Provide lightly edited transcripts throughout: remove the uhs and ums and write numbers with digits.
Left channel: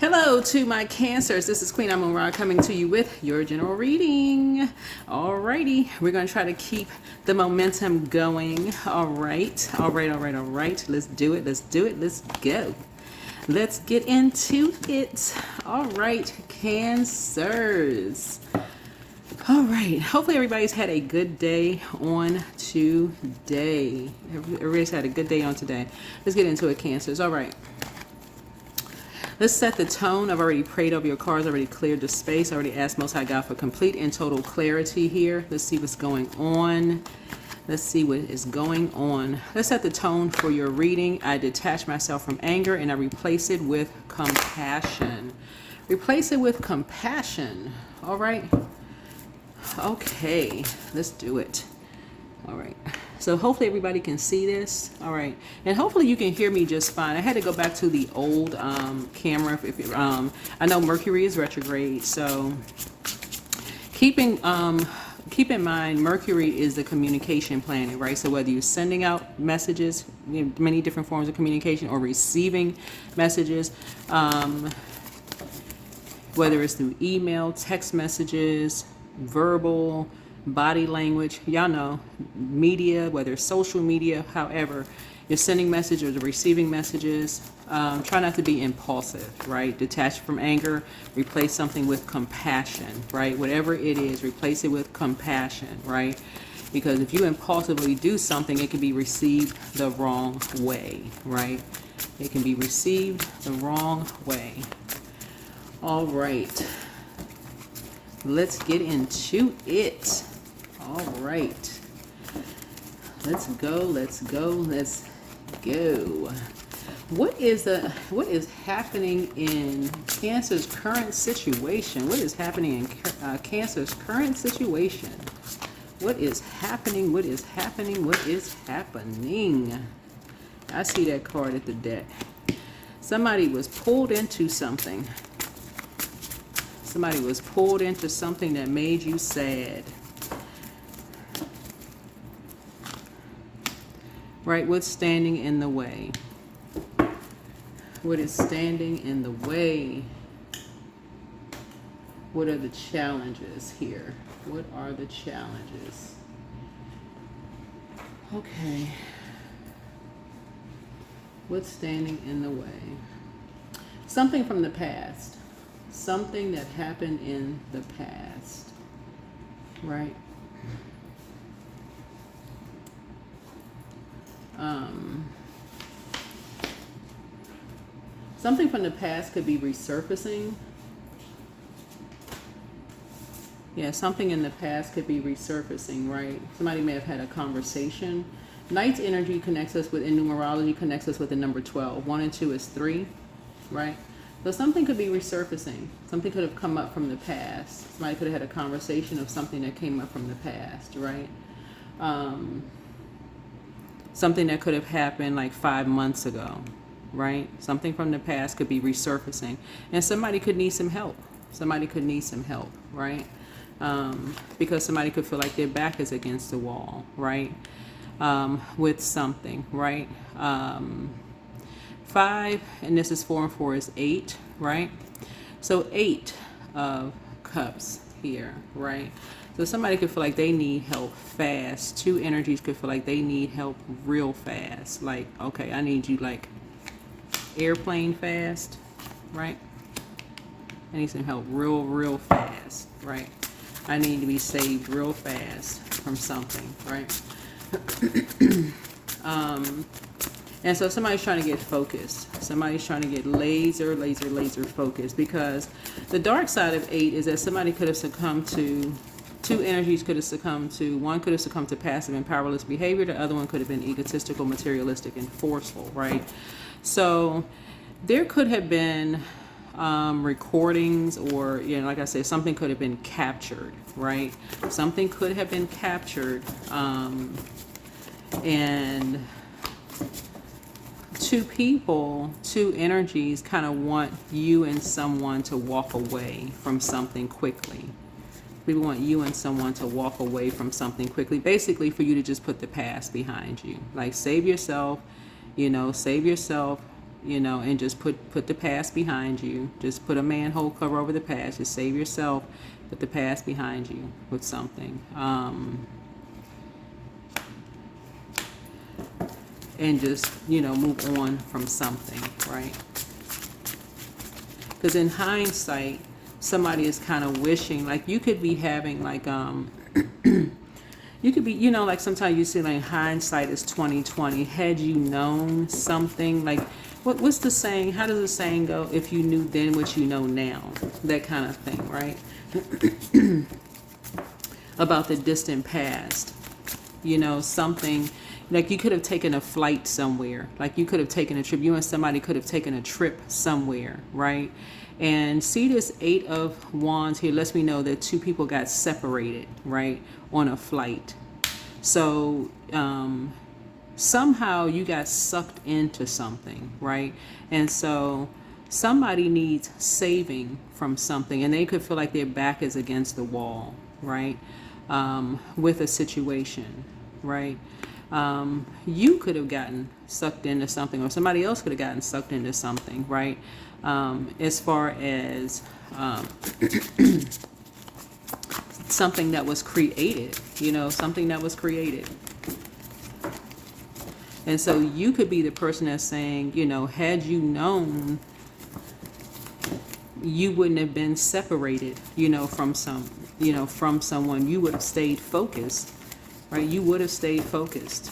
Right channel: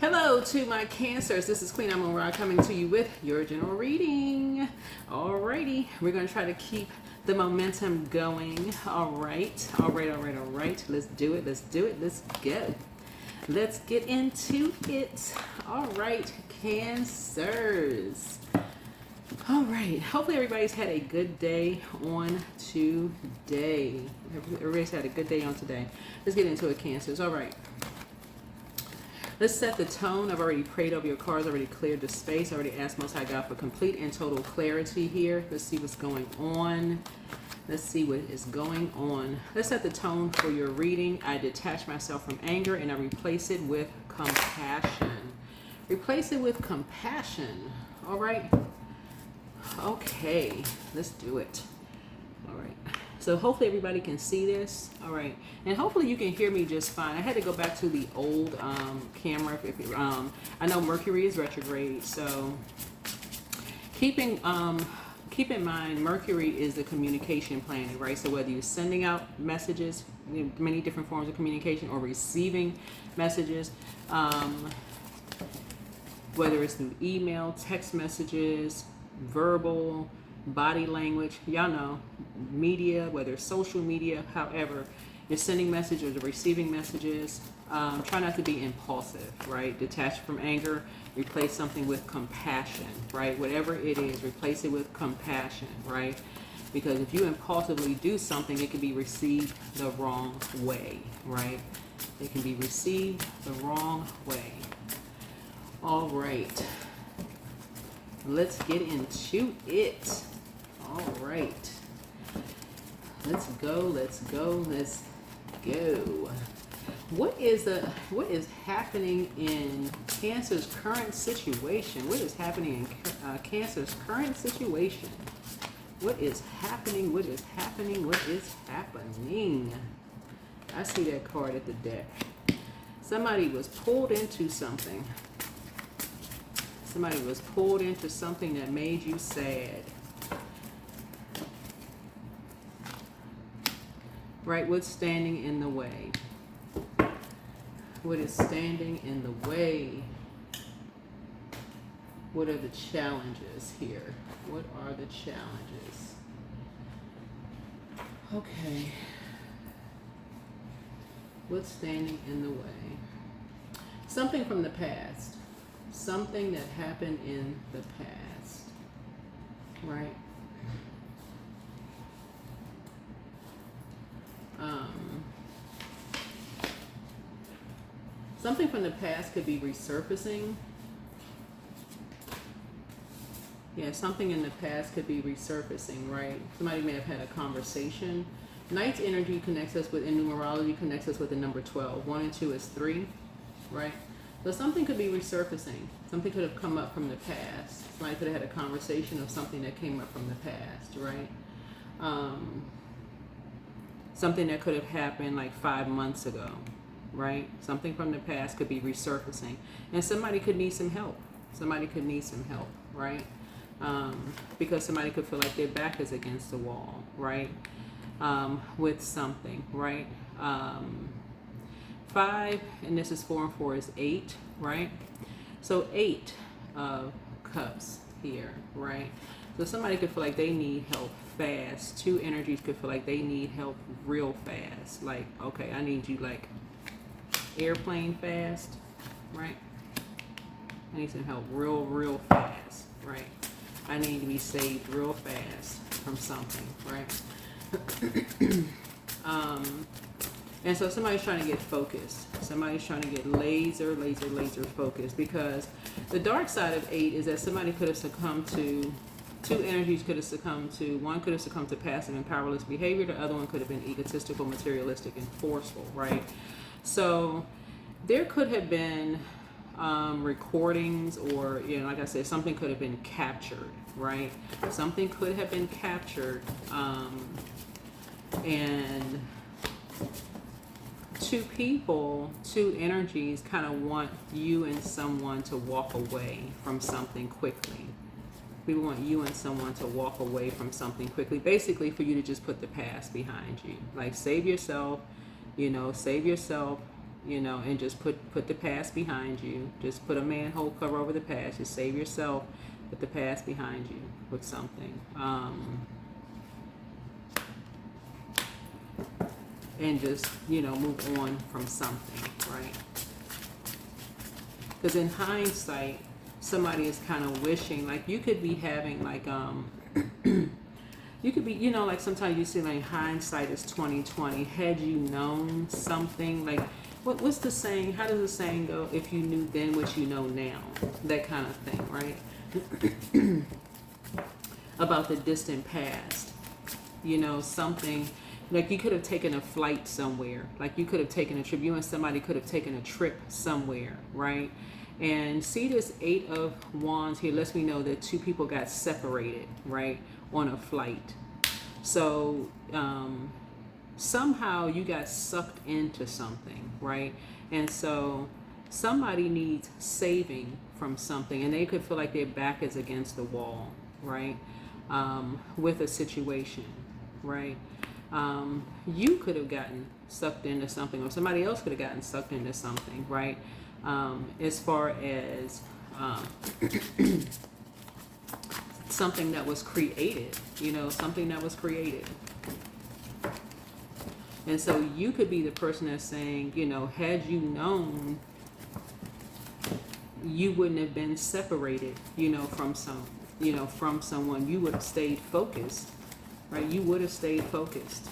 Hello to my Cancers. This is Queen Amun Ra coming to you with your general reading. Alrighty, we're going to try to keep the momentum going. All right. Let's do it. Let's go. Let's get into it. All right, Cancers. All right. Hopefully everybody's had a good day on today. Everybody's had a good day on today. Let's get into it, Cancers. All right. Let's set the tone. I've already prayed over your cards, already cleared the space, already asked Most High God for complete and total clarity here. Let's see what's going on. Let's see what is going on. Let's set the tone for your reading. I detach myself from anger and I replace it with compassion. Replace it with compassion. All right. Okay, let's do it. All right. So hopefully everybody can see this. All right. And hopefully you can hear me just fine. I had to go back to the old camera. I know Mercury is retrograde. So keep in mind, Mercury is the communication planet, right? So whether you're sending out messages, many different forms of communication, or receiving messages, whether it's through email, text messages, verbal, body language, y'all know, media, whether it's social media, however, you're sending messages or receiving messages, try not to be impulsive, right? Detach from anger, replace something with compassion, right? Whatever it is, replace it with compassion, right? Because if you impulsively do something, it can be received the wrong way, right? It can be received the wrong way. All right. Let's get into it. All right. Let's go. What is happening in Cancer's current situation? What is happening in Cancer's current situation? What is happening? I see that card at the deck. Somebody was pulled into something. Somebody was pulled into something that made you sad. Right? What's standing in the way? What is standing in the way? What are the challenges here? What are the challenges? Okay. What's standing in the way? Something from the past. Something that happened in the past, right? Something from the past could be resurfacing. Yeah, something in the past could be resurfacing, right? Somebody may have had a conversation. Knight's energy connects us with, in numerology, connects us with the number 12. 1 and 2 is 3, right? So something could be resurfacing. Something could have come up from the past. Somebody could have had a conversation of something that came up from the past, right? Something that could have happened like 5 months ago, right? Something from the past could be resurfacing. And somebody could need some help. Right? Because somebody could feel like their back is against the wall, right? With something, right? 5, and this is 4 and 4 is 8, right? So 8 of cups here, right? So somebody could feel like they need help fast. 2 energies could feel like they need help real fast. Like, okay, I need you like airplane fast, right? I need some help real fast, right? I need to be saved real fast from something, right? And so somebody's trying to get focused. Somebody's trying to get laser focused, because the dark side of 8 is that somebody could have succumbed to, 2 energies could have succumbed to, one could have succumbed to passive and powerless behavior, the other one could have been egotistical, materialistic, and forceful, right? So there could have been recordings, or, you know, like I said, something could have been captured, right? Something could have been captured, and 2 people, 2 energies kind of want you and someone to walk away from something quickly. We want you and someone to walk away from something quickly, basically for you to just put the past behind you. Like, save yourself, and just put the past behind you. Just put a manhole cover over the past. Just save yourself. Put the past behind you with something. And just, move on from something, right? Because in hindsight, somebody is kind of wishing, like you could be having like, you could be, like sometimes you say like hindsight is 20/20. Had you known something, like what's the saying? How does the saying go? If you knew then what you know now, that kind of thing, right? About the distant past, something like you could have taken a flight somewhere, like you could have taken a trip. You and somebody could have taken a trip somewhere, right? And see this 8 of Wands here lets me know that two people got separated, right, on a flight. So somehow you got sucked into something, right? And so somebody needs saving from something, and they could feel like their back is against the wall, right? With a situation, right? You could have gotten sucked into something, or somebody else could have gotten sucked into something, right? As far as something that was created, something that was created. And so you could be the person that's saying, had you known, you wouldn't have been separated, from someone. You would have stayed focused, right? You would have stayed focused,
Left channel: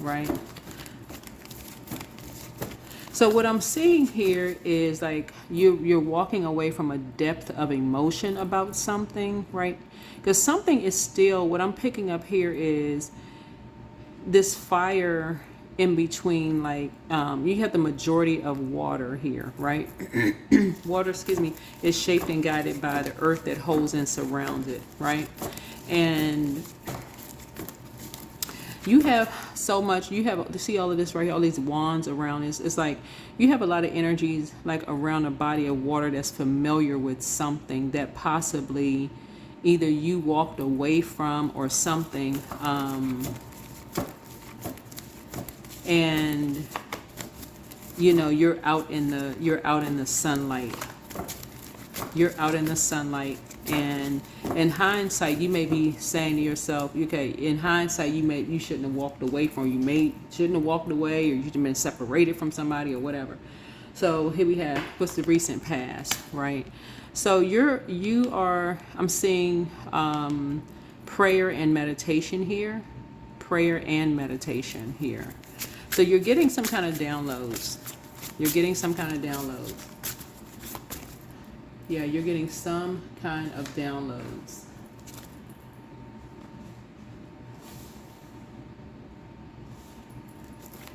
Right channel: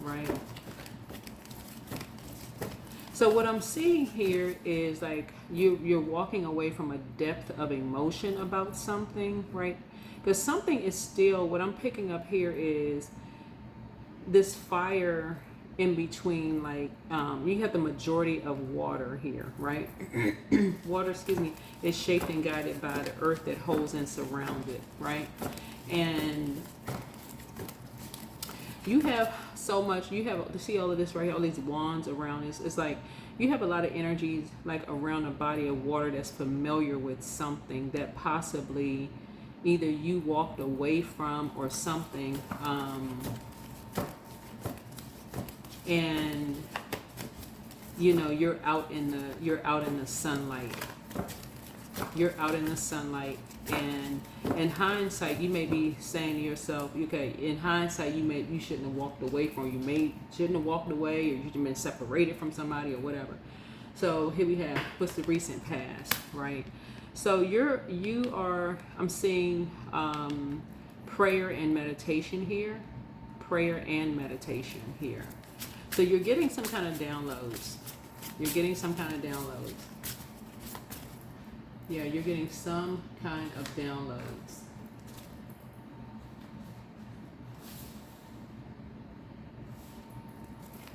right? So what I'm seeing here is like you're walking away from a depth of emotion about something, right? Because something is still, what I'm picking up here is this fire in between, like you have the majority of water here, right? Water, is shaped and guided by the earth that holds and surrounds it, right? And you have so much, you have to see all of this right here, all these wands around this. It's like you have a lot of energies like around a body of water that's familiar with something that possibly either you walked away from or something. And you're out in the sunlight. You're out in the sunlight. And in hindsight, you may be saying to yourself, okay, in hindsight, you shouldn't have walked away from, shouldn't have walked away, or you should have been separated from somebody or whatever. So here we have, what's the recent past, right? So I'm seeing prayer and meditation here. Prayer and meditation here. So you're getting some kind of downloads. Yeah, you're getting some kind of downloads.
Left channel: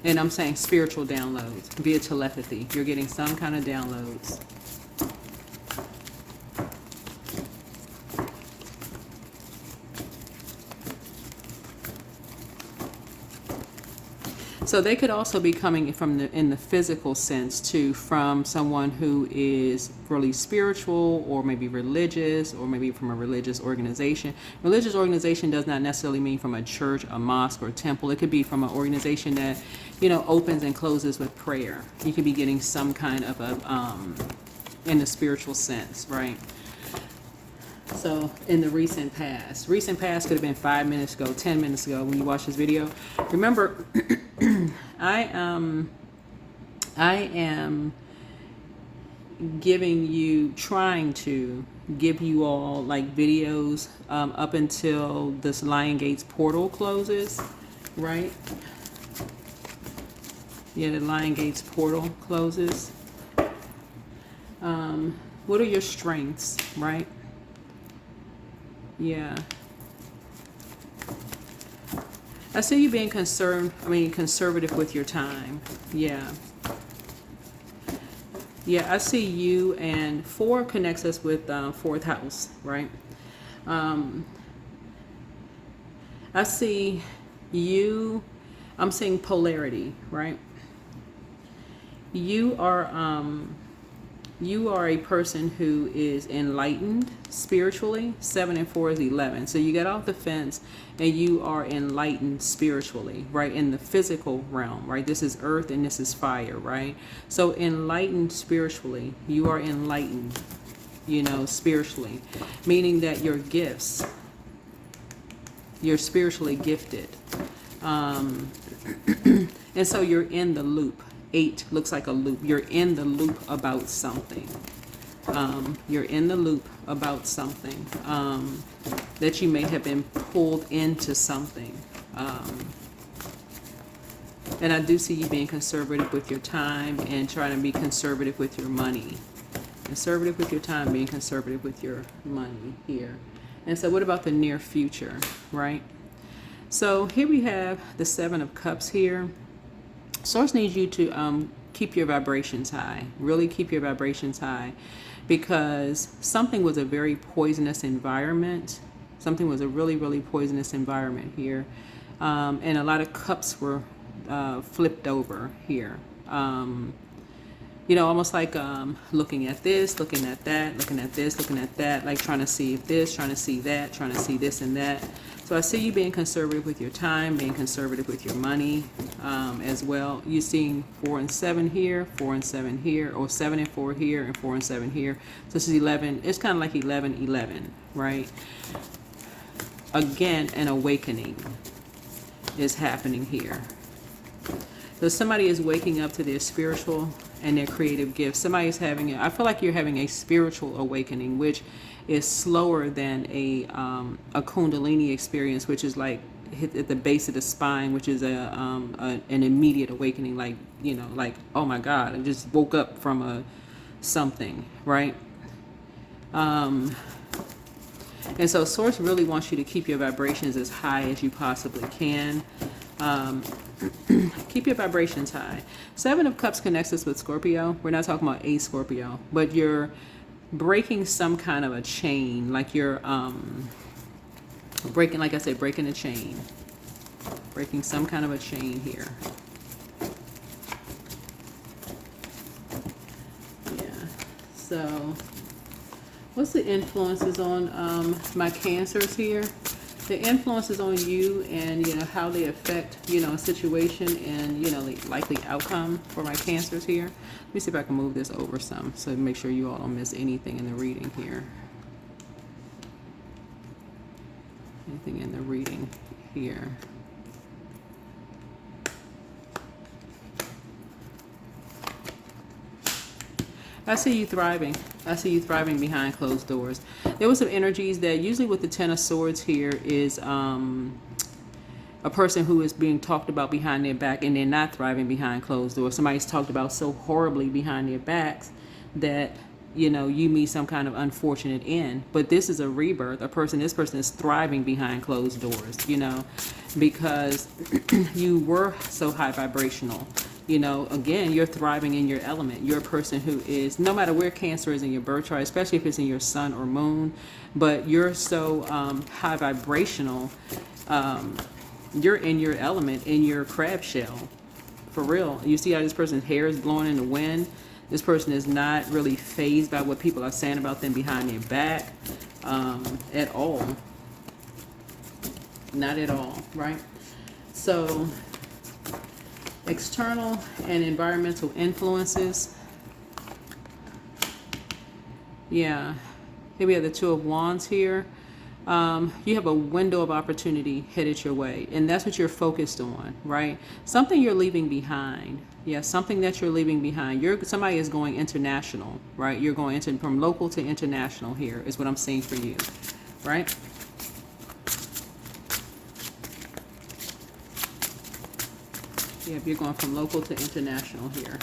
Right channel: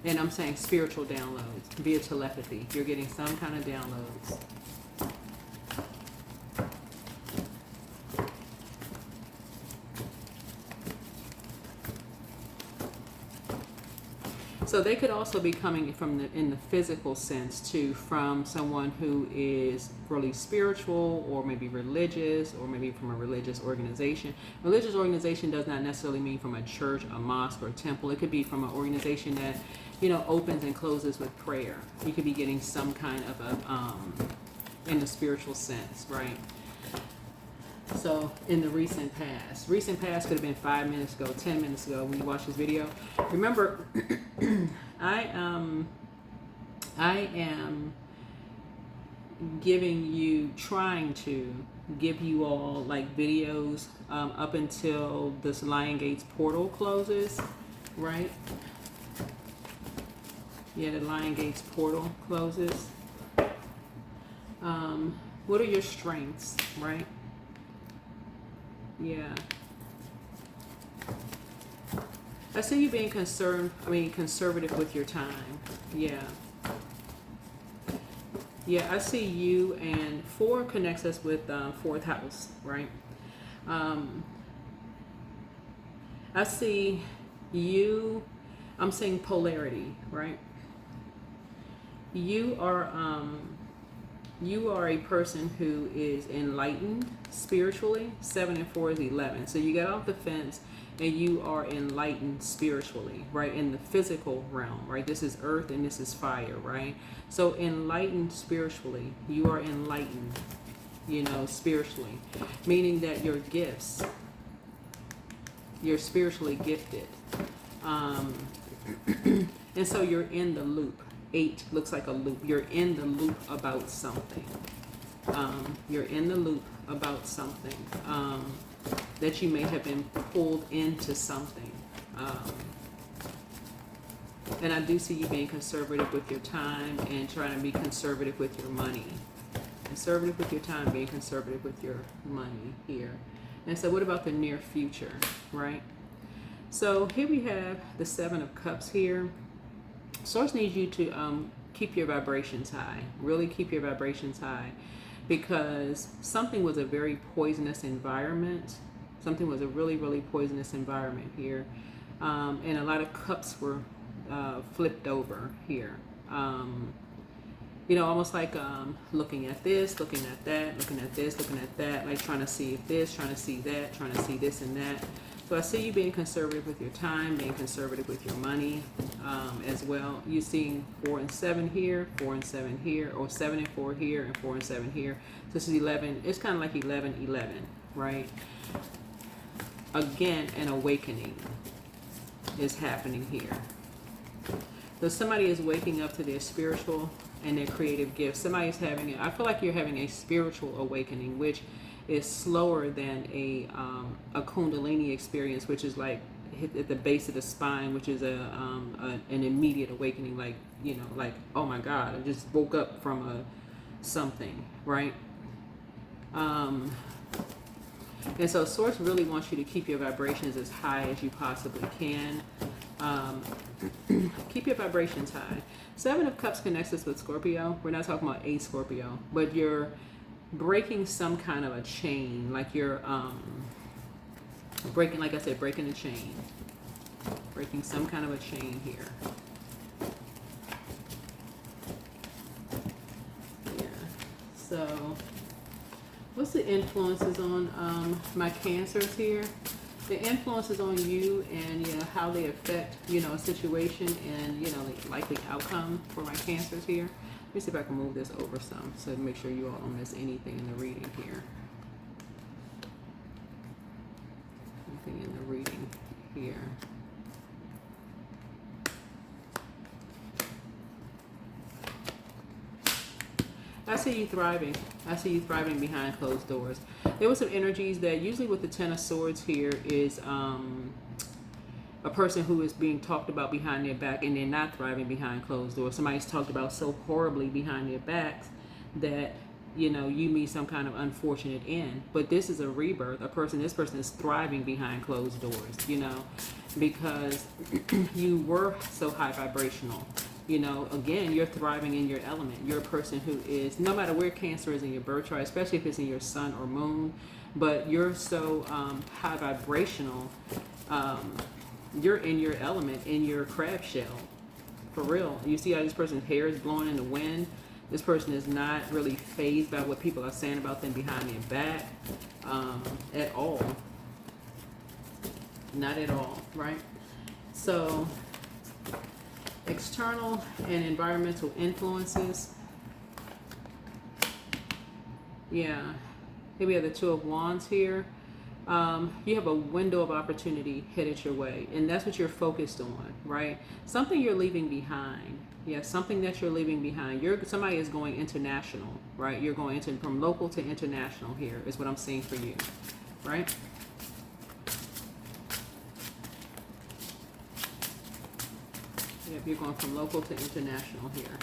And I'm saying spiritual downloads via telepathy. You're getting some kind of downloads. So they could also be coming from in the physical sense too, from someone who is really spiritual or maybe religious, or maybe from a religious organization. Religious organization does not necessarily mean from a church, a mosque, or a temple. It could be from an organization that, opens and closes with prayer. You could be getting some kind of in the spiritual sense, right? So in the recent past could have been 5 minutes ago, 10 minutes ago when you watch this video. Remember, I am trying to give you all like videos up until this Lion Gates portal closes, right? Yeah, the Lion Gates portal closes. What are your strengths, right? Yeah. I see you being conservative with your time. Yeah. Yeah, I see you, and 4 connects us with 4th house, right? I see you, I'm seeing polarity, right? You are You are a person who is enlightened spiritually. 7 and 4 is 11. So you get off the fence and you are enlightened spiritually, right? In the physical realm, right? This is earth and this is fire, right? So enlightened spiritually, you are enlightened, spiritually, meaning that your gifts, you're spiritually gifted. And so you're in the loop. 8 looks like a loop. You're in the loop about something. You're in the loop about something. That you may have been pulled into something. And I do see you being conservative with your time and trying to be conservative with your money. Conservative with your time, being conservative with your money here. And so what about the near future, right? So here we have the 7 of Cups here. Source needs you to keep your vibrations high. Really keep your vibrations high, because something was a very poisonous environment. Something was a really, really poisonous environment here. And a lot of cups were flipped over here. Almost like looking at this, looking at that, looking at this, looking at that, like trying to see this, trying to see that, trying to see this and that. So I see you being conservative with your time, being conservative with your money as well. You're seeing 4 and 7 here, 4 and 7 here, or 7 and 4 here, and 4 and 7 here. So this is 11. It's kind of like 11, 11, right? Again, an awakening is happening here. So somebody is waking up to their spiritual and their creative gifts. Somebody's having I feel like you're having a spiritual awakening, which is slower than a Kundalini experience, which is like hit at the base of the spine, which is an immediate awakening, like oh my God, I just woke up from something, right? And so Source really wants you to keep your vibrations as high as you possibly can. Keep your vibrations high. 7 of Cups connects us with Scorpio. We're not talking about a Scorpio, but you're breaking some kind of a chain, like you're breaking, like I said, breaking a chain, breaking some kind of a chain here. Yeah. So what's the influences on my Cancers here? The influences on you and how they affect a situation and the likely outcome for my Cancers here. Let me see if I can move this over some so make sure you all don't miss anything in the reading here. Anything in the reading here. I see you thriving. I see you thriving behind closed doors. There was some energies that usually with the 10 of Swords here is a person who is being talked about behind their back and they're not thriving behind closed doors. Somebody's talked about so horribly behind their backs that you meet some kind of unfortunate end. But this is a rebirth. This person is thriving behind closed doors, because you were so high vibrational. Again, you're thriving in your element. You're a person who is, no matter where Cancer is in your birth chart, especially if it's in your sun or moon, but you're so high vibrational. You're in your element, in your crab shell. For real. You see how this person's hair is blowing in the wind? This person is not really fazed by what people are saying about them behind their back at all. Not at all, right? So external and environmental influences. Yeah. Here we have the 2 of Wands here. You have a window of opportunity headed your way, and that's what you're focused on, right? Something you're leaving behind. Yeah, something that you're leaving behind. Somebody is going international, right? You're going from local to international here is what I'm seeing for you, right? Yeah, you're going from local to international here.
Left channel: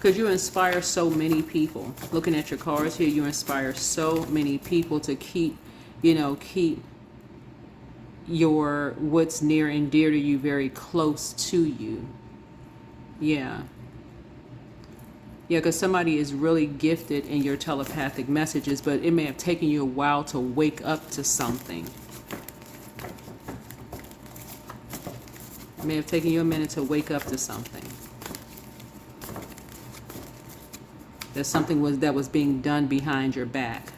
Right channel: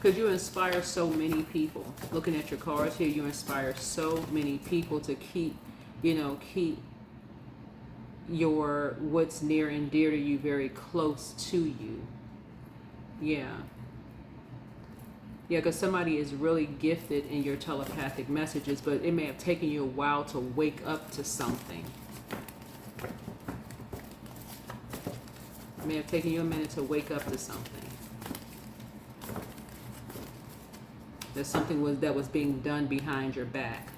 Because you inspire so many people. Looking at your cards here, you inspire so many people to keep your what's near and dear to you very close to you. Yeah. Yeah, because somebody is really gifted in your telepathic messages, but it may have taken you a while to wake up to something. It may have taken you a minute to wake up to something. That something was being done behind your back.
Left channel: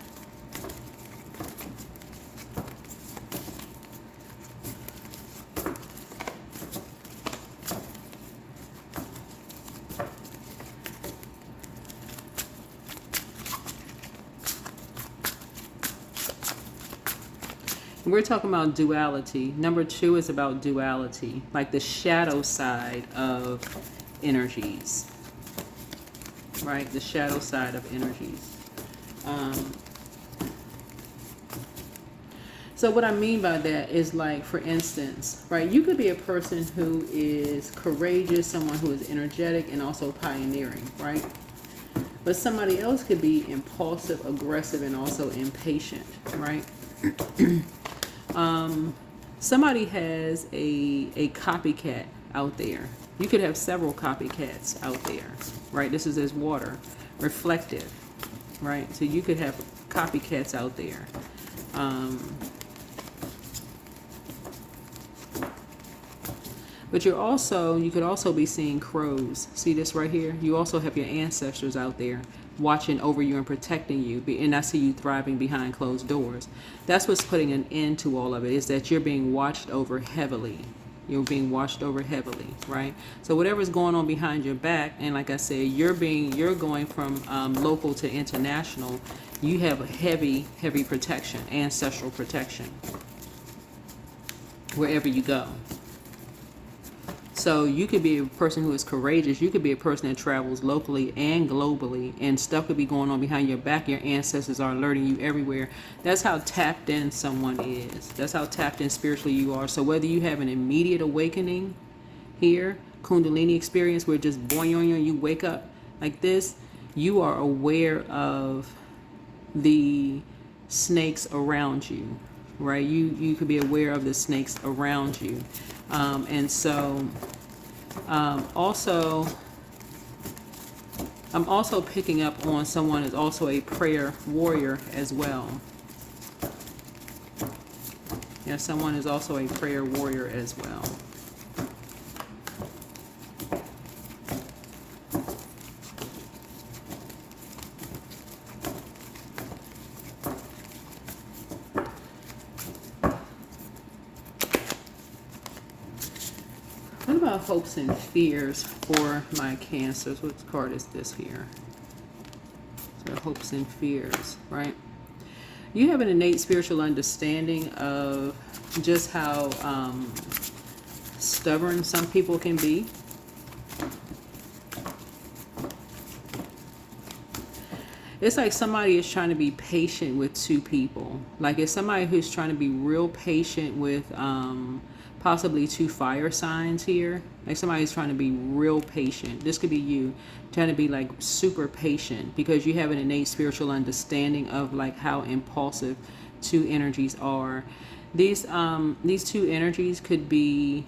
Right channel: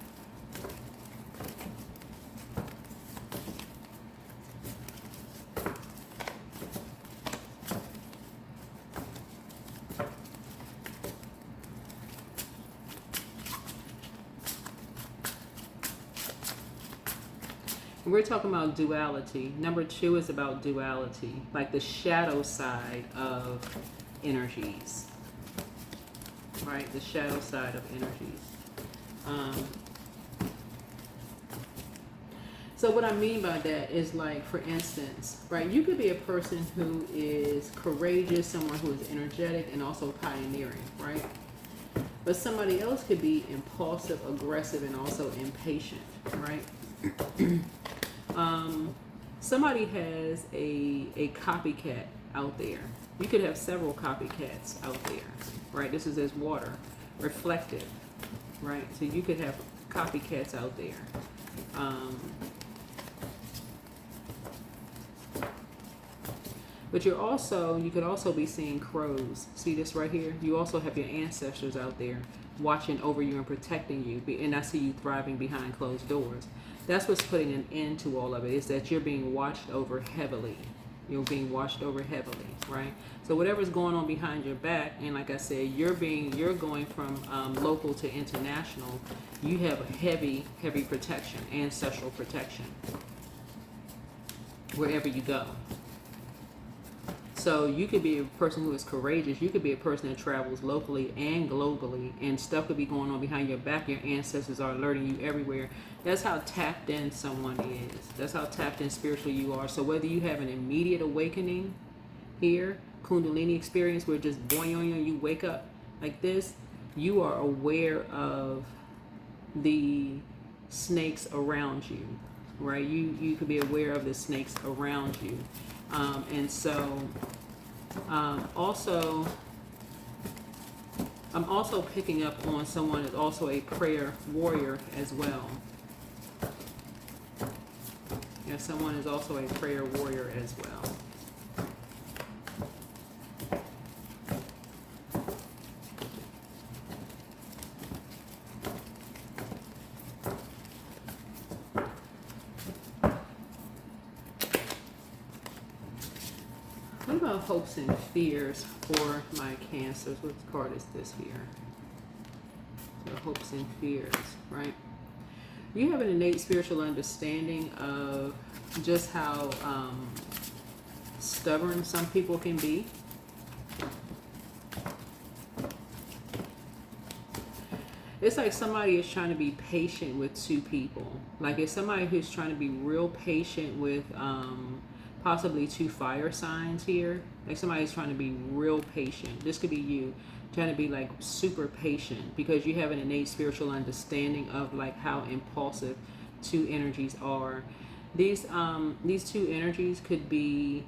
We're talking about duality. Number 2 is about duality, like the shadow side of energies, right? The shadow side of energies. So what I mean by that is, like, for instance, right, you could be a person who is courageous, someone who is energetic and also pioneering, right? But somebody else could be impulsive, aggressive, and also impatient, right? Somebody has a copycat out there. You could have several copycats out there, right? This is as water, reflective, right? So you could have copycats out there. But you could also be seeing crows. See this right here? You also have your ancestors out there watching over you and protecting you. And I see you thriving behind closed doors. That's what's putting an end to all of it, is that you're being watched over heavily. You're being watched over heavily, right? So whatever's going on behind your back, and like I said, you're going from local to international. You have a heavy protection, ancestral protection, wherever you go. So you could be a person who is courageous. You could be a person that travels locally and globally, and stuff could be going on behind your back. Your ancestors are alerting you everywhere. That's how tapped in someone is. That's how tapped in spiritually you are. So whether you have an immediate awakening here, Kundalini experience, where just boing, you wake up like this, you are aware of the snakes around you, right? You could be aware of the snakes around you. And so also, I'm also picking up on someone is also a prayer warrior as well. Yeah, someone is also a prayer warrior as well. What about hopes and fears for my Cancers? What card is this here? So hopes and fears, right? You have an innate spiritual understanding of just how stubborn some people can be. It's like somebody is trying to be patient with two people. Like it's somebody who's trying to be real patient with possibly two fire signs here. Like somebody's trying to be real patient. This could be you trying to be like super patient because you have an innate spiritual understanding of like how impulsive two energies are. These two energies could be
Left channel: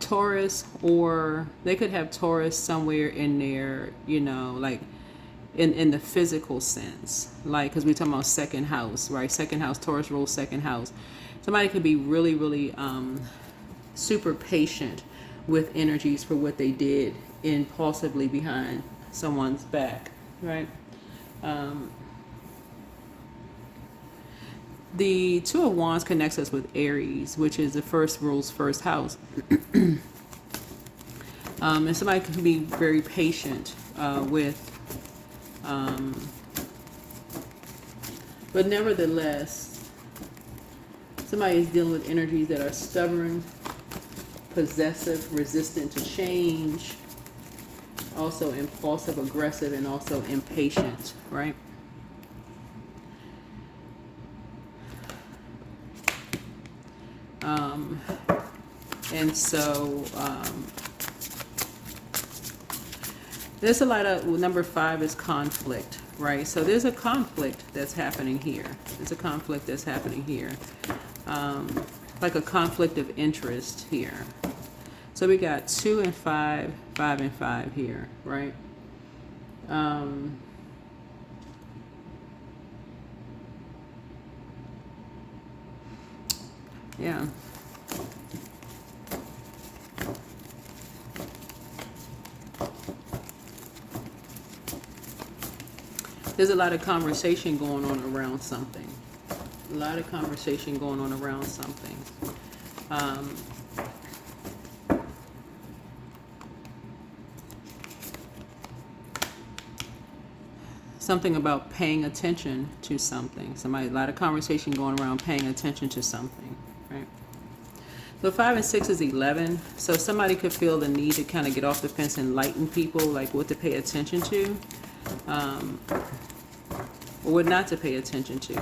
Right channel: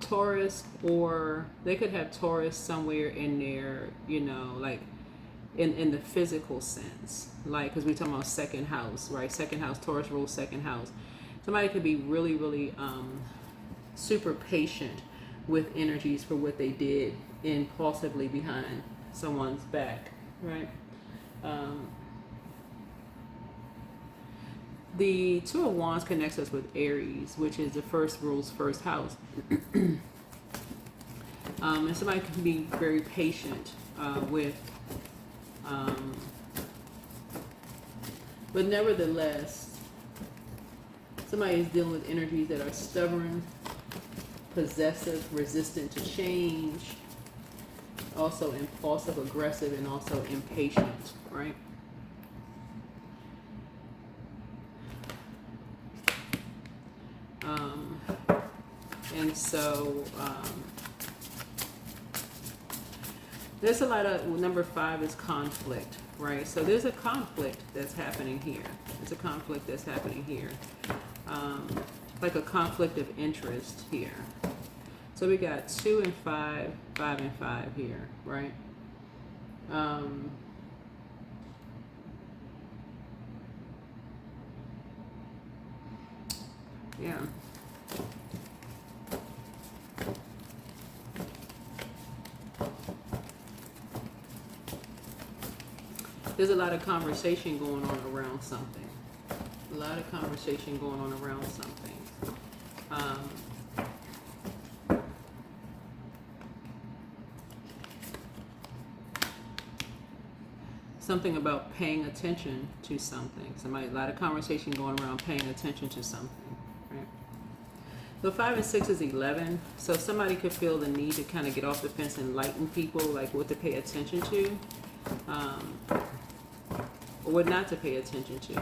Taurus, or they could have Taurus somewhere in there, you know, like in the physical sense, like because we're talking about second house, right? Second house, Taurus rules second house. Somebody could be really super patient with energies for what they did impulsively behind someone's back, right? The Two of Wands connects us with Aries, which is the first rules first house. And somebody can be very patient with, but nevertheless, somebody is dealing with energies that are stubborn, possessive, resistant to change, also impulsive, aggressive, and also impatient, right? And so there's a lot of, number 5 is conflict, right? So there's a conflict that's happening here. There's a conflict that's happening here. Like a conflict of interest here. So we got 2 and 5, 5 and 5 here, right? Yeah. There's a lot of conversation going on around something. A lot of conversation going on around something. Something about paying attention to something. A lot of conversation going around paying attention to something, right? So 5 and 6 is 11. So somebody could feel the need to kind of get off the fence and enlighten people, like what to pay attention to, or what not to pay attention to.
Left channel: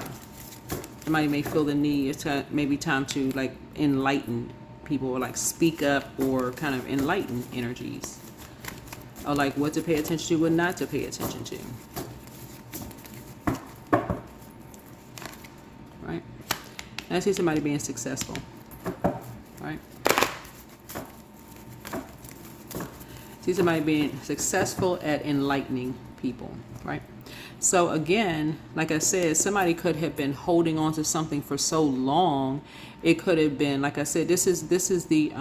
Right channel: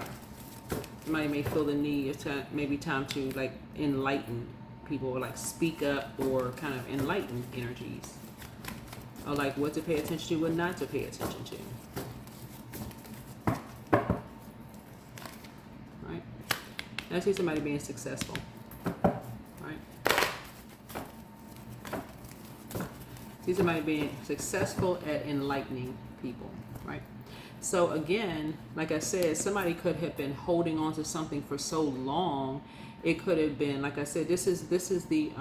Somebody may feel the need, it's maybe time to like enlighten people, or like speak up, or kind of enlighten energies, or like what to pay attention to, what not to pay attention to. Right? And I see somebody being successful. Right? See somebody being successful at enlightening people. Right? So again, like I said, somebody could have been holding on to something for so long. It could have been, like I said, this is the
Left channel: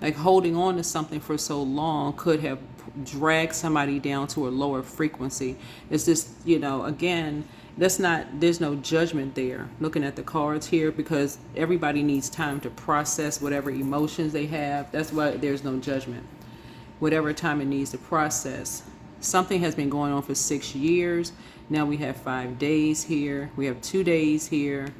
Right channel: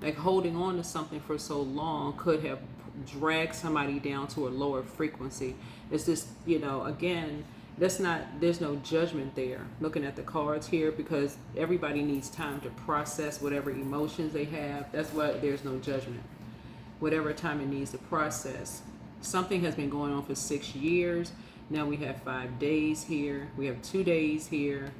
like holding on to something for so long could have dragged somebody down to a lower frequency. It's just, again, there's no judgment there looking at the cards here, because everybody needs time to process whatever emotions they have. That's why there's no judgment. Whatever time it needs to process. Something has been going on for 6 years. Now we have 5 days here. We have 2 days here.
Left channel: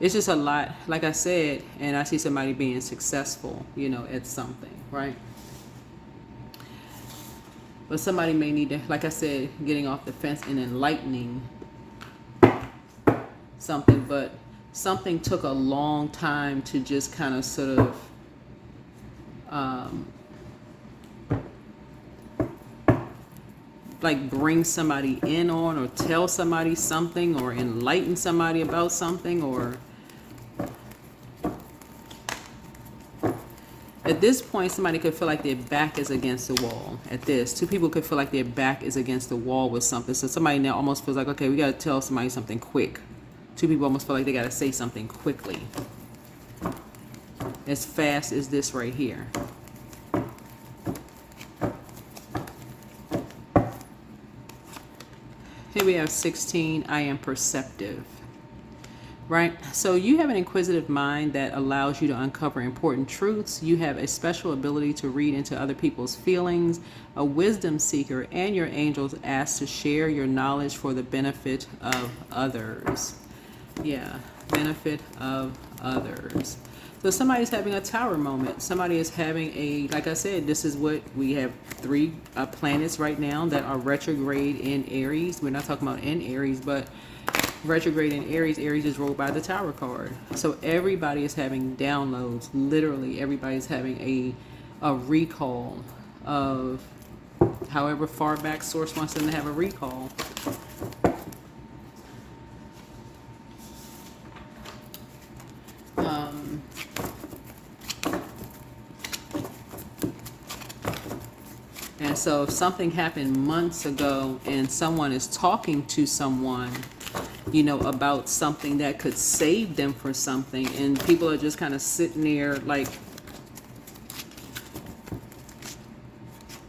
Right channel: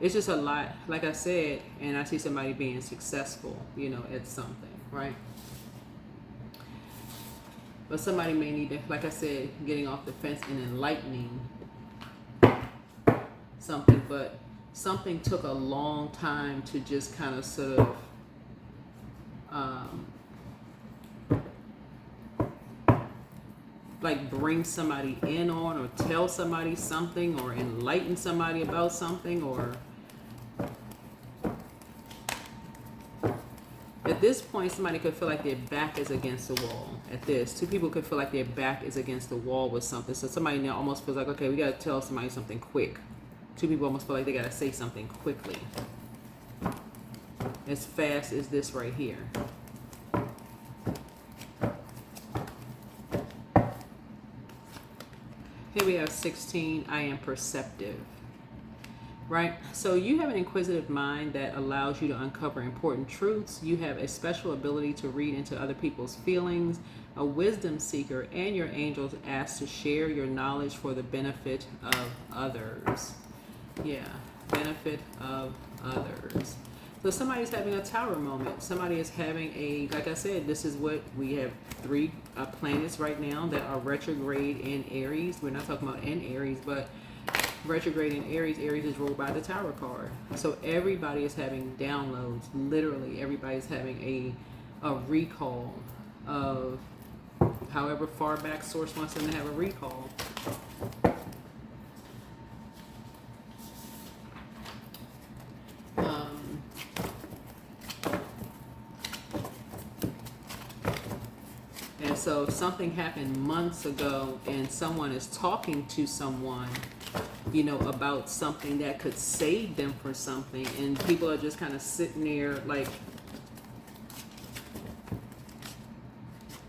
It's just a lot, like I said, and I see somebody being successful, at something, right? But somebody may need to, like I said, getting off the fence and enlightening something, but something took a long time to just kind of sort of like bring somebody in on, or tell somebody something, or enlighten somebody about something, or at this point somebody could feel like their back is against the wall. At this, 2 people could feel like their back is against the wall with something. So somebody now almost feels like, okay, we got to tell somebody something quick. 2 people almost feel like they got to say something quickly, as fast as this right here. Here we have 16, I am perceptive, right? So you have an inquisitive mind that allows you to uncover important truths. You have a special ability to read into other people's feelings, a wisdom seeker, and your angels ask to share your knowledge for the benefit of others. Yeah, benefit of others. So somebody's having a tower moment. Somebody is having a, like I said, this is what we have 3 planets right now that are retrograde in Aries. We're not talking about in Aries, but retrograde in Aries. Aries is ruled by the tower card. So everybody is having downloads. Literally, everybody's having a recall of however far back source wants them to have a recall. And so if something happened months ago and someone is talking to someone, about something that could save them for something, and people are just kind of sitting there like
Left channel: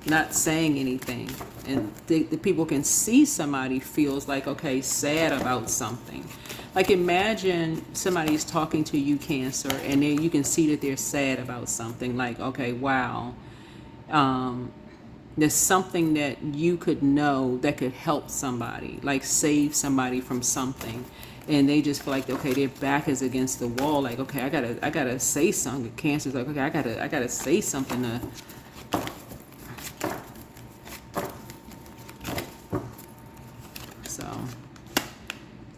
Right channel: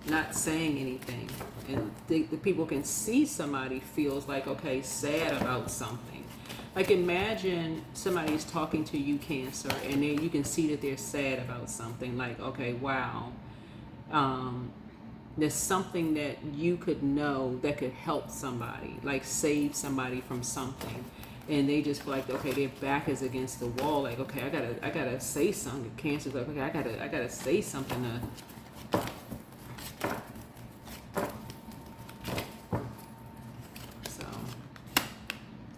not saying anything, and the people can see somebody feels like, okay, sad about something. Like imagine somebody is talking to you, Cancer, and then you can see that they're sad about something, like, okay, wow, there's something that you could know that could help somebody, like save somebody from something, and they just feel like, okay, their back is against the wall, like, okay, I gotta say something. Cancer's like, okay, I gotta say something to. So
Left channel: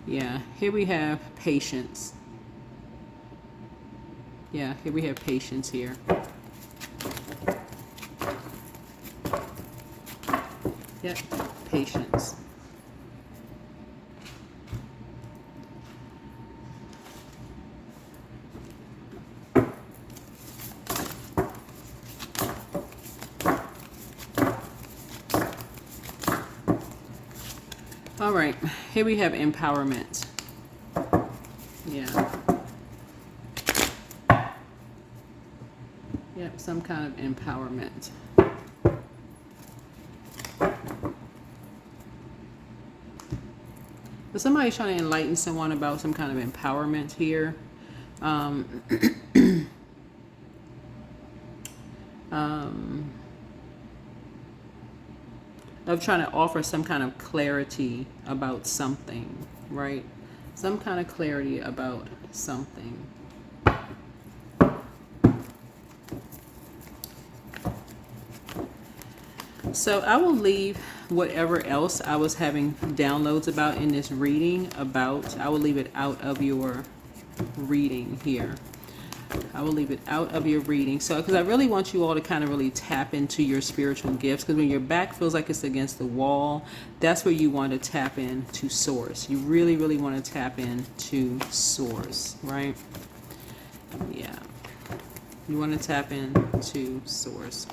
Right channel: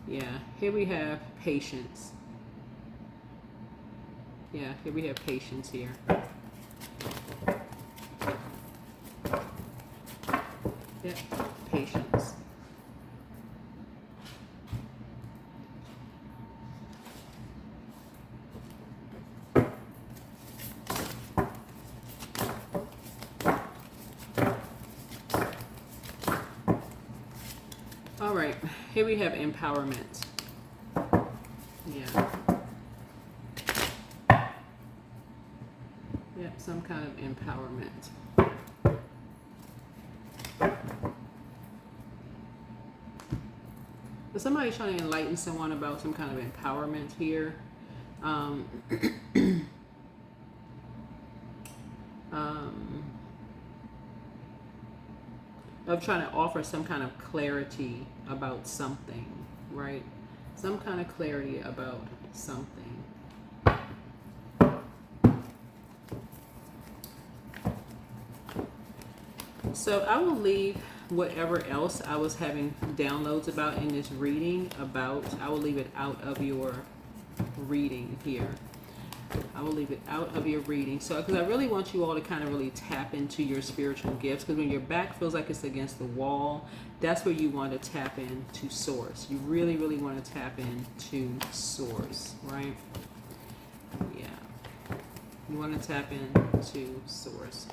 yeah, here we have patience. Yeah, here we have patience here. Yep, patience. All right, here we have empowerment. Yeah. some kind of empowerment. So somebody's trying to enlighten someone about some kind of empowerment here. I'm trying to offer some kind of clarity about something, right? Some kind of clarity about something. So I will leave whatever else I was having downloads about in this reading I will leave it out of your reading here. I will leave it out of your reading. So, because I really want you all to kind of really tap into your spiritual gifts. Because when your back feels like it's against the wall, that's where you want to tap into source. You really, really want to tap into source, right? Yeah. You want to tap into source.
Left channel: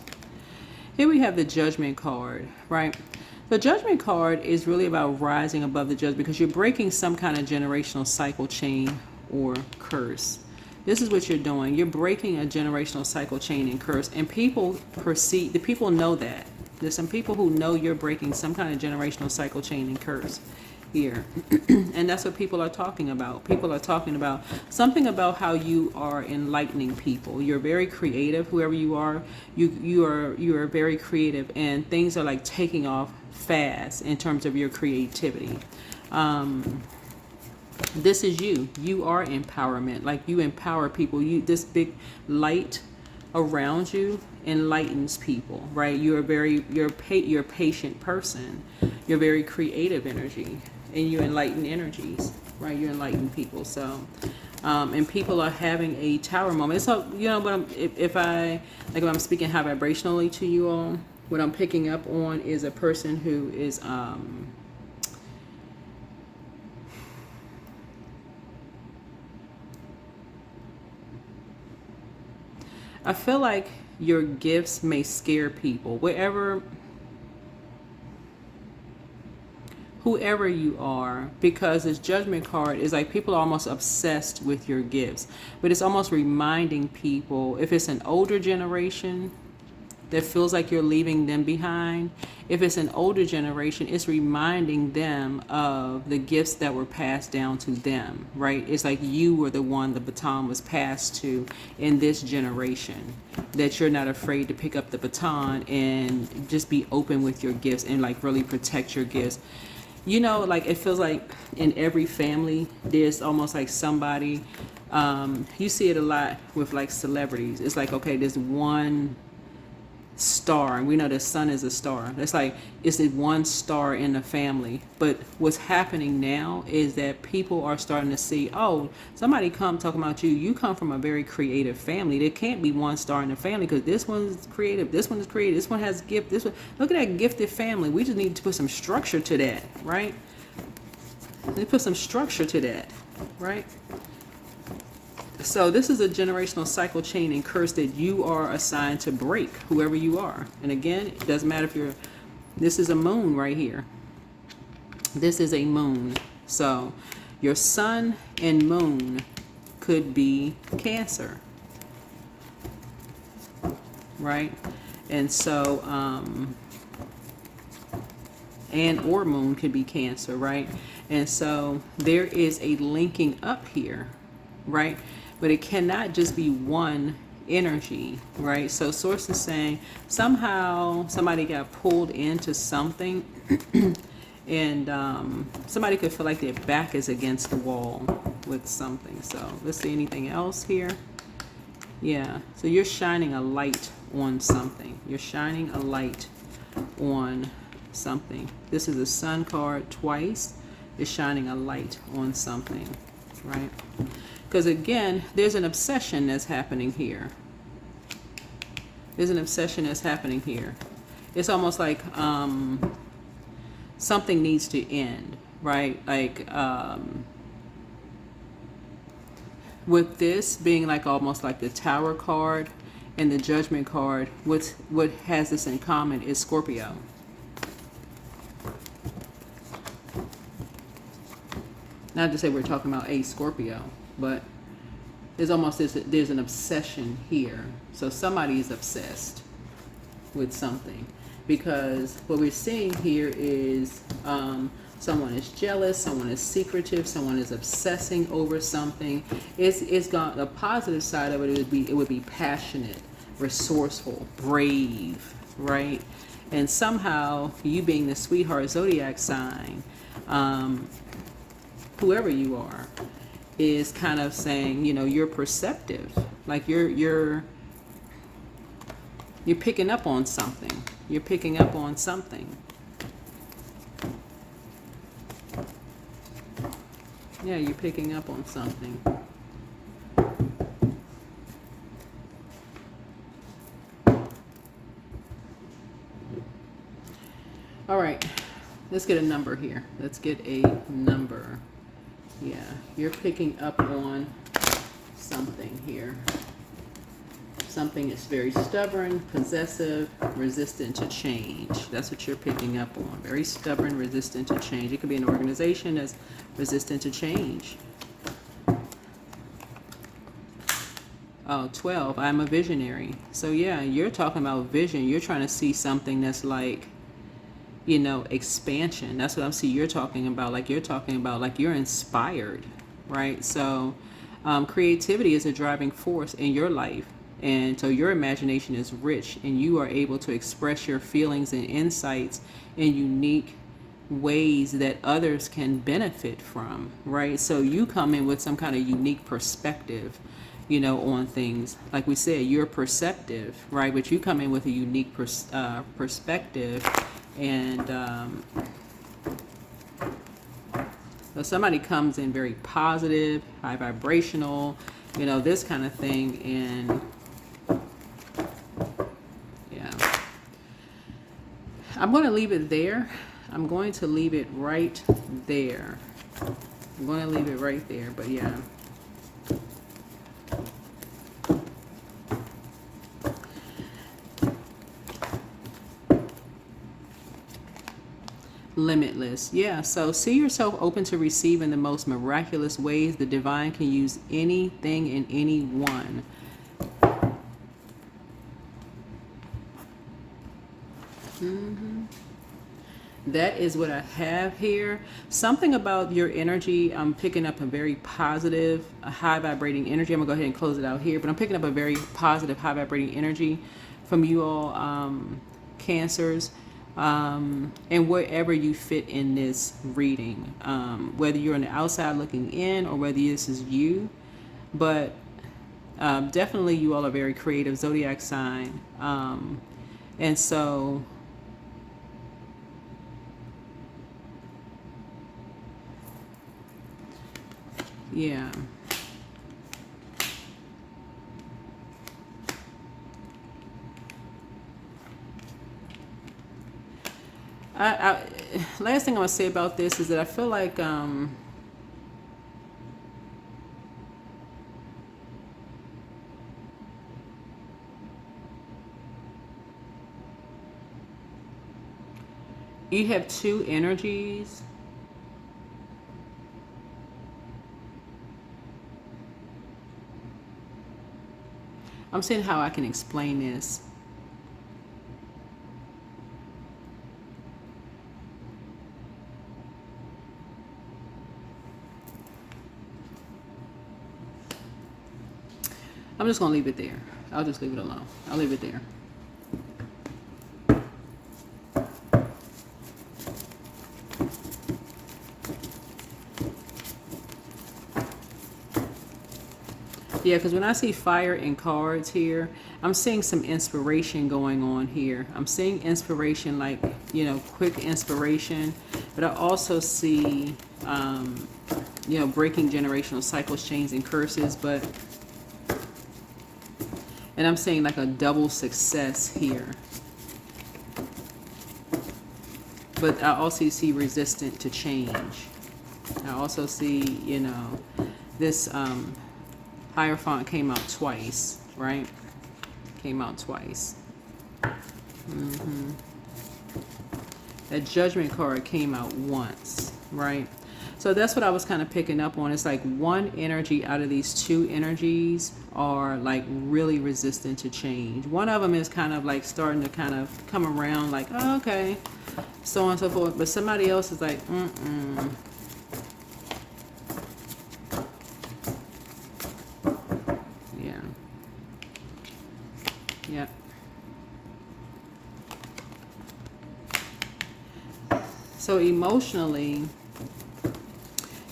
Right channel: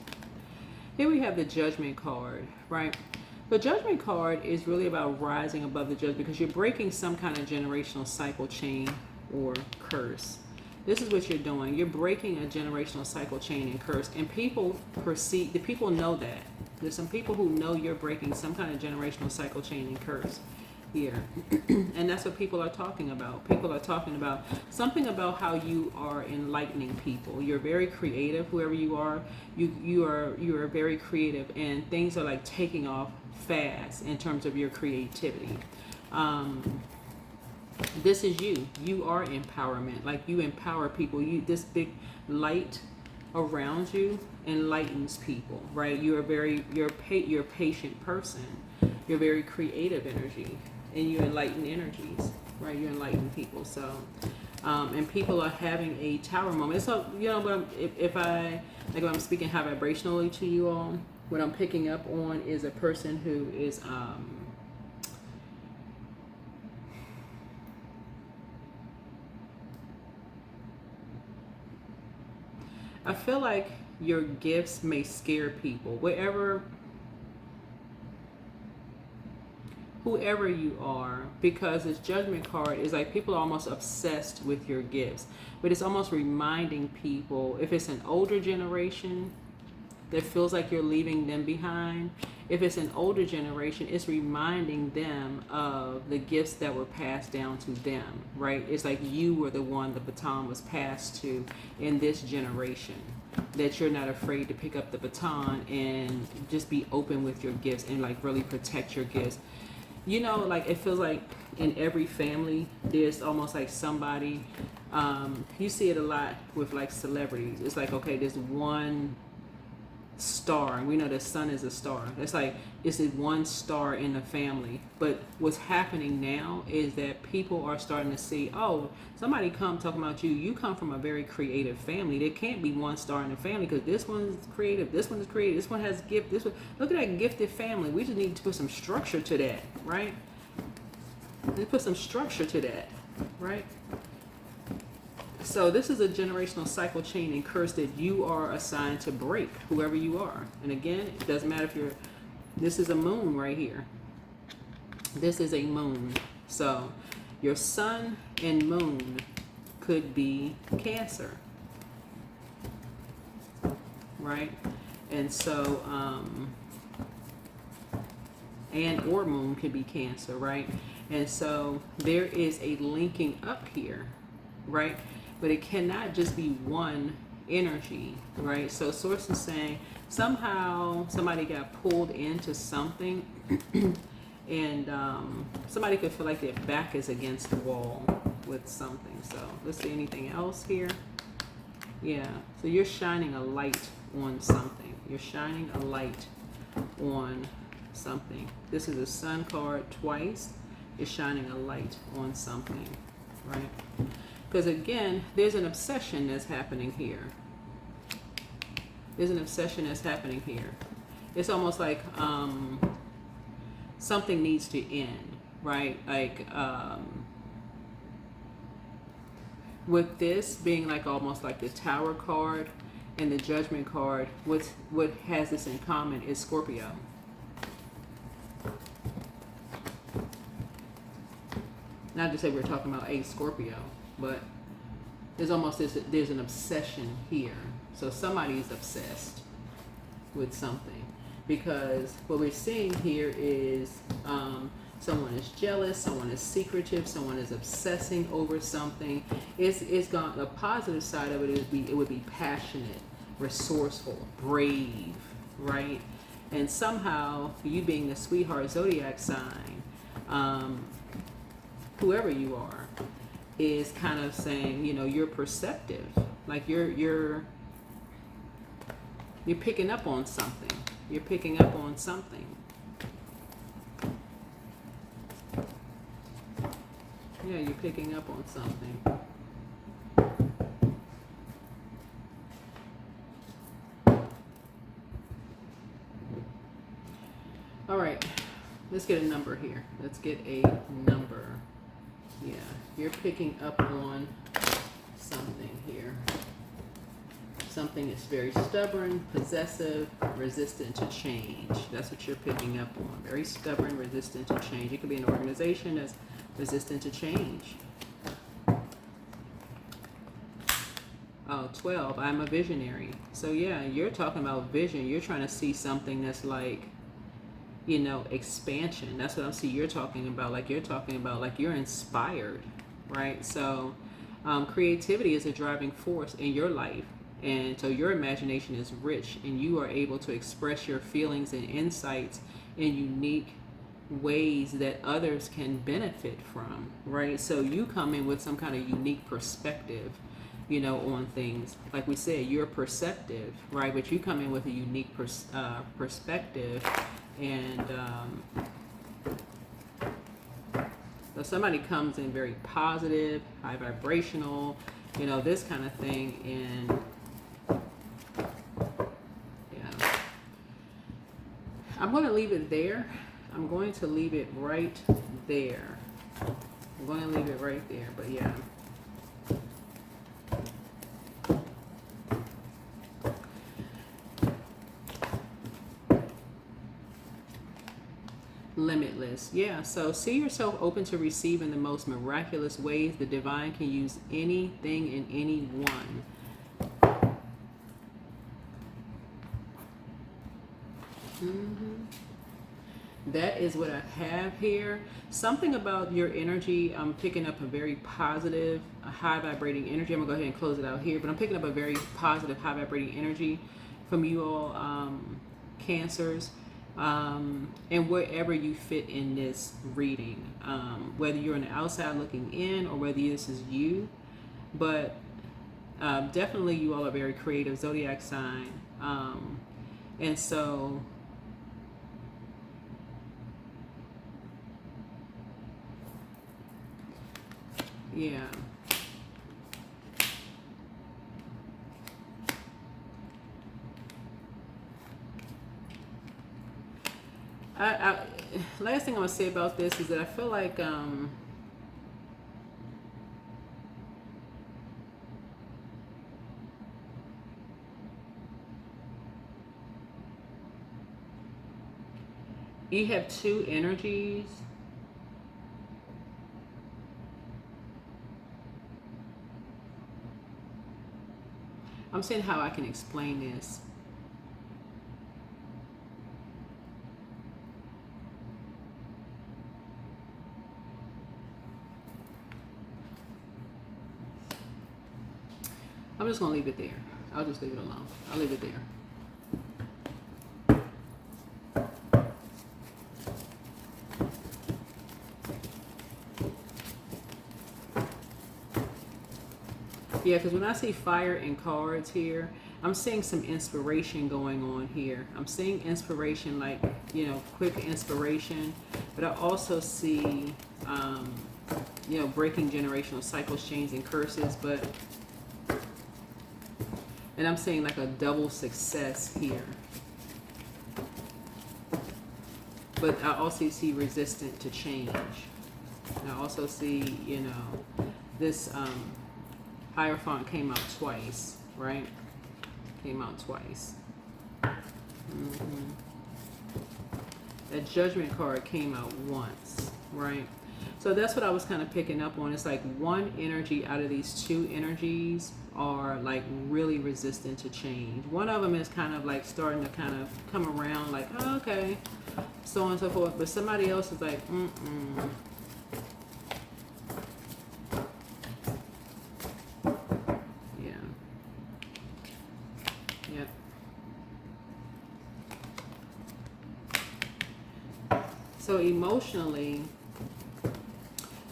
Here we have the Judgment card, right? The Judgment card is really about rising above the judgment because you're breaking some kind of generational cycle, chain, or curse. This is what you're doing. You're breaking a generational cycle, chain, and curse. And people people know that. There's some people who know you're breaking some kind of generational cycle, chain, and curse here. And that's what people are talking about. People are talking about something about how you are enlightening people. You're very creative, whoever you are. You are very creative, and things are like taking off fast in terms of your creativity. This is you. You are empowerment. Like, you empower people. This big light around you enlightens people, right? You're a patient person. You're very creative energy, and you enlighten energies, right? You enlighten people. So, and people are having a tower moment. So, but if I'm speaking high vibrationally to you all, what I'm picking up on is a person who is I feel like your gifts may scare people. Whoever you are, because this Judgment card is like people are almost obsessed with your gifts. But it's almost reminding people, if it's an older generation that feels like you're leaving them behind, if it's an older generation, it's reminding them of the gifts that were passed down to them, right? It's like you were the one the baton was passed to in this generation, that you're not afraid to pick up the baton and just be open with your gifts and like really protect your gifts. Like it feels like in every family, there's almost like somebody, you see it a lot with like celebrities. It's like, okay, there's one star, and we know the sun is a star. That's like, it's the one star in the family. But what's happening now is that people are starting to see, oh, somebody come talking about you come from a very creative family. There can't be one star in the family because this one's creative, this one is creative, this one has gift, this one, look at that gifted family. We just need to put some structure to that, right? They put some structure to that, right? So this is a generational cycle, chain, and curse that you are assigned to break, whoever you are. And again, it doesn't matter if this is a moon right here. This is a moon. So your sun and moon could be Cancer, right? And so, or moon could be Cancer, right? And so there is a linking up here, right? But it cannot just be one energy, right? So source is saying somehow somebody got pulled into something and somebody could feel like their back is against the wall with something. So let's see, anything else here? Yeah, so you're shining a light on something. You're shining a light on something. This is a sun card twice. It's shining a light on something, right? Because again, there's an obsession that's happening here. There's an obsession that's happening here. It's almost like something needs to end, right? Like with this being like almost like the Tower card and the Judgment card, what has this in common is Scorpio. Not to say we're talking about a Scorpio, but There's almost there's an obsession here. So somebody is obsessed with something, because what we're seeing here is someone is jealous, someone is secretive, someone is obsessing over something. It's gone. The positive side of it would be passionate, resourceful, brave, right? And somehow you being the sweetheart zodiac sign, whoever you are, is kind of saying, you're perceptive, like you're picking up on something. You're picking up on something. Yeah, you're picking up on something. All right, let's get a number here. Let's get a number. Yeah, you're picking up on something here. Something that's very stubborn, possessive, resistant to change. That's what you're picking up on. Very stubborn, resistant to change. It could be an organization that's resistant to change. Oh, 12, I'm a visionary. So yeah, you're talking about vision. You're trying to see something that's like, expansion. That's what I'm seeing you're talking about. Like you're talking about, like you're inspired, right? So creativity is a driving force in your life. And so your imagination is rich, and you are able to express your feelings and insights in unique ways that others can benefit from, right? So you come in with some kind of unique perspective, on things. Like we said, you're perceptive, right? But you come in with a unique perspective. And somebody comes in very positive, high vibrational, this kind of thing. And I'm going to leave it there. I'm going to leave it right there. I'm going to leave it right there, but yeah. Limitless. Yeah, so see yourself open to receive in the most miraculous ways. The divine can use anything and anyone. That is what I have here. Something about your energy, I'm picking up a very positive, a high vibrating energy. I'm gonna go ahead and close it out here, but I'm picking up a very positive, high vibrating energy from you all, Cancers, and wherever you fit in this reading, whether you're on the outside looking in or whether this is you, but definitely you all are very creative zodiac sign, and so yeah. Last thing I want to say about this is that I feel like you have two energies. I'm saying how I can explain this. I'm just going to leave it there. I'll just leave it alone. I'll leave it there. Yeah, because when I see fire in cards here, I'm seeing some inspiration going on here. I'm seeing inspiration, like, quick inspiration. But I also see, breaking generational cycles, chains, and curses. And I'm seeing like a double success here. But I also see resistant to change. I also see, this Hierophant came out twice, right? Came out twice. That Judgment card came out once, right? So that's what I was kind of picking up on. It's like one energy out of these two energies are like really resistant to change. One of them is kind of like starting to kind of come around, like, oh, okay, so on and so forth. But somebody else is like, yeah, yeah. So emotionally,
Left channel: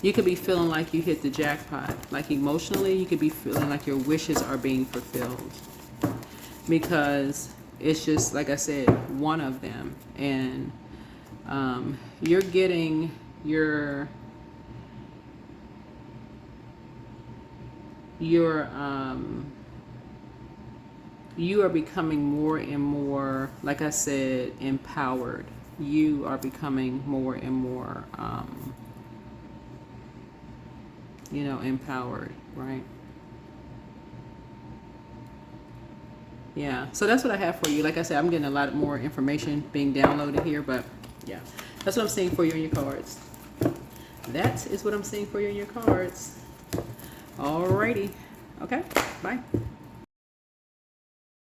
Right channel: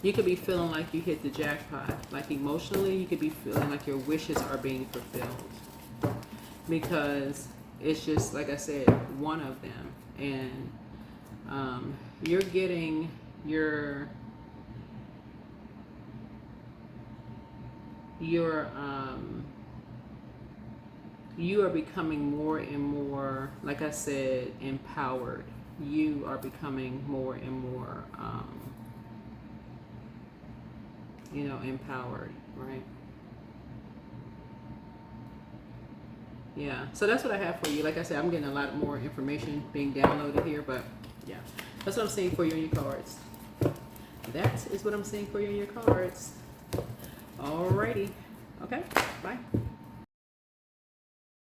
you could be feeling like you hit the jackpot. Like emotionally, you could be feeling like your wishes are being fulfilled. Because it's just, like I said, one of them. And you're getting you are becoming more and more, like I said, empowered. You are becoming more and more, empowered, right? Yeah, so that's what I have for you. Like I said, I'm getting a lot more information being downloaded here, but yeah, that's what I'm seeing for you in your cards. That is what I'm seeing for you in your cards. Alrighty. Okay, bye.